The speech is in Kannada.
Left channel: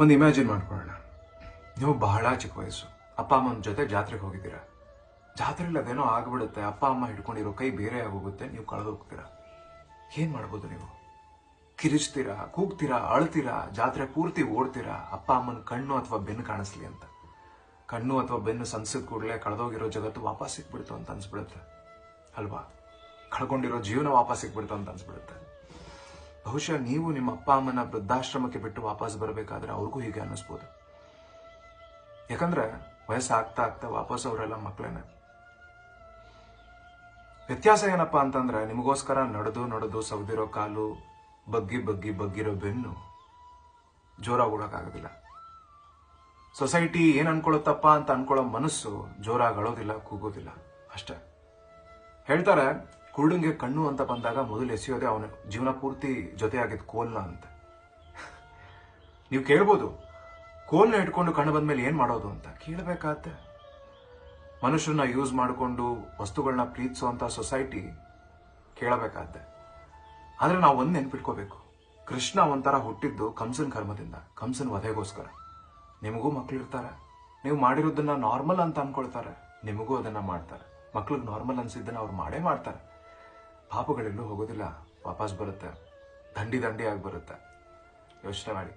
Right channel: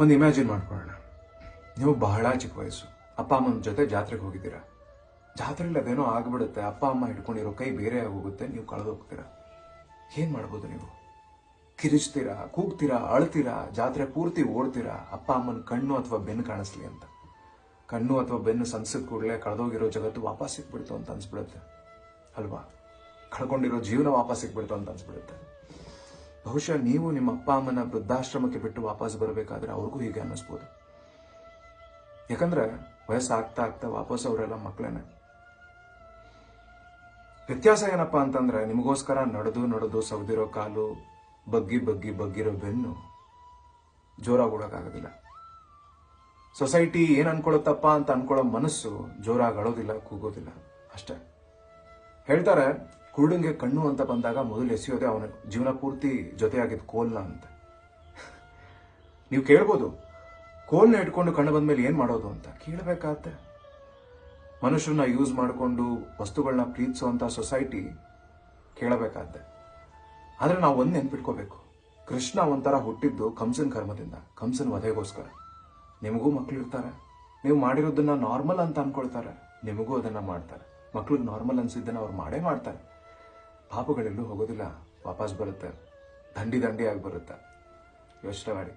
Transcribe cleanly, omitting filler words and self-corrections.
ಒಂದು ಇಮ್ಯಾಜಿನ್ ಮಾಡ್ಕೊಳ್ಳೋಣ. ನೀವು ಬಹಳ ಚಿಕ್ಕ ವಯಸ್ಸು, ಅಪ್ಪ ಅಮ್ಮನ ಜೊತೆ ಜಾತ್ರೆಗೆ ಹೋಗಿದ್ದೀರಾ. ಜಾತ್ರೆಯಲ್ಲಿ ಅದೇನೋ ಆಗ್ಬಿಡುತ್ತೆ, ಅಪ್ಪ ಅಮ್ಮ ಹಿಡ್ಕೊಂಡಿರೋ ಕೈ ಬೇರೆ ಆಗೋಗುತ್ತೆ, ನೀವು ಕಳೆದು ಹೋಗ್ತೀರಾ. ಏನ್ ಮಾಡ್ಬೋದು ನೀವು? ಕಿರಿಚ್ತೀರಾ, ಕೂಗ್ತೀರಾ, ಅಳ್ತೀರಾ, ಜಾತ್ರೆ ಪೂರ್ತಿ ಓಡ್ತೀರಾ, ಅಪ್ಪ ಅಮ್ಮನ ಕಣ್ಣು ಅಥವಾ ಬೆನ್ನು ಕಾಣಿಸ್ಲಿ ಅಂತ. ಕಣ್ಣು ಅಥವಾ ಬೆನ್ನು ಸನ್ಸಿದ ಕೂಡಲೇ ಕಳೆದೋಗಿರೋ ಜಗತ್ತು ವಾಪಸ್ ಸಿಕ್ಬಿಡ್ತು ಅಂತ ಅನ್ಸ್ಬಿಡುತ್ತೆ ಅಲ್ವಾ? ಕಳ್ಕೊಂಡಿರೋ ಜೀವನ ವಾಪಸ್ ಸಿಕ್ಬಿಡ್ತು ಅಂತ ಅನ್ಸ್ಬಿಡುತ್ತೆ. ಬಹುಶಃ ನೀವು ನಿಮ್ಮ ಅಪ್ಪ ಅಮ್ಮನ ವೃದ್ಧಾಶ್ರಮಕ್ಕೆ ಬಿಟ್ಟು ವಾಪಸ್ ಬರಬೇಕಾದ್ರೆ ಅವ್ರಿಗೂ ಹೀಗೆ ಅನ್ನಿಸ್ಬೋದು. ಯಾಕಂದ್ರೆ ವಯಸ್ಸಾಗ್ತಾ ಆಗ್ತಾ ವಾಪಸ್ ಅವರೆಲ್ಲ ಮಕ್ಕಳೇನೆ. ವ್ಯತ್ಯಾಸ ಏನಪ್ಪಾ ಅಂತಂದ್ರೆ, ನಿಮಗೋಸ್ಕರ ನಡೆದು ಸವದಿರೋ ಕಾಲು, ಬಗ್ಗಿರೋ ಬೆನ್ನು ಜೋರಾಗಿ ಓಡೋಕ್ಕಾಗೋದಿಲ್ಲ. ಸೊಸೈಟಿ ಏನ್ ಅನ್ಕೊಳ್ಳುತ್ತಪ್ಪ ಅಂತ ಅನ್ಕೊಳ್ಳೋ ಮನಸ್ಸು ಜೋರಾಗಿ ಅಳೋದಿಲ್ಲ, ಕೂಗೋದಿಲ್ಲ ಅಷ್ಟೇ. ಹೇಳ್ತಾರೆ, ಕುರುಡಂಗೆ ಕಣ್ಣು ಅಂತ ಬಂದಾಗ ಮೊದಲು ಎಸೆಯೋದೆ ಅವನ ಜೀವನ ಪೂರ್ತಿ ಜೊತೆಯಾಗಿದ್ದ ಕೋಲ್ನ ಅಂತ. ನೀವು ಕೇಳ್ಬೋದು, ಕೋಲ್ನ ಇಟ್ಕೊಂಡು ಕಣ್ಣು ಬಂದ್ಮೇಲೆ ಏನ್ ಮಾಡೋದು ಅಂತ. ಕೇಳಬೇಕಾಗತ್ತೆ. ಮನುಷ್ಯರನ್ನ ಯೂಸ್ ಮಾಡಿಕೊಂಡು ವಸ್ತುಗಳನ್ನ ಪ್ರೀತಿಸುವಂತ ಸೊಸೈಟಿ ಕೇಳಬೇಕಾಗತ್ತೆ. ಆದ್ರೆ ನಾವು ಒಂದ್ ನೆನ್ಪಿಟ್ಕೋಬೇಕು, ಕೃಷ್ಣ ಒಂಥರ ಹುಟ್ಟಿದ್ದು ಕಂಸನ್ ಕರ್ಮದಿಂದ, ಕಂಸನ್ ವಧೆಗೋಸ್ಕರ. ನಿಮಗೂ ಮಕ್ಳು ಇರ್ತಾರೆ, ನೀವು ಮಾಡಿರೋದನ್ನ ನಾರ್ಮಲ್ ಅಂತ ಅನ್ಕೊಳ್ತಾರೆ, ನಿಮಗೂ ಅದನ್ನ ಮಾಡ್ತಾರೆ. ಮಕ್ಳಿಗೆ ನಾರ್ಮಲ್ ಅನ್ಸಿದ್ದನ್ನ ಅವ್ರು ಮಾಡೇ ಮಾಡ್ತಾರೆ. ಪಾಪಗಳೆಲ್ಲೂ ಹೋಗೋದಿಲ್ಲ, ವಾಪಸ್ ಬರುತ್ತೆ, ದಂಡಿ ಆಗಿ ಬರುತ್ತೆ. ಯೋಚನೆ ಮಾಡಿ.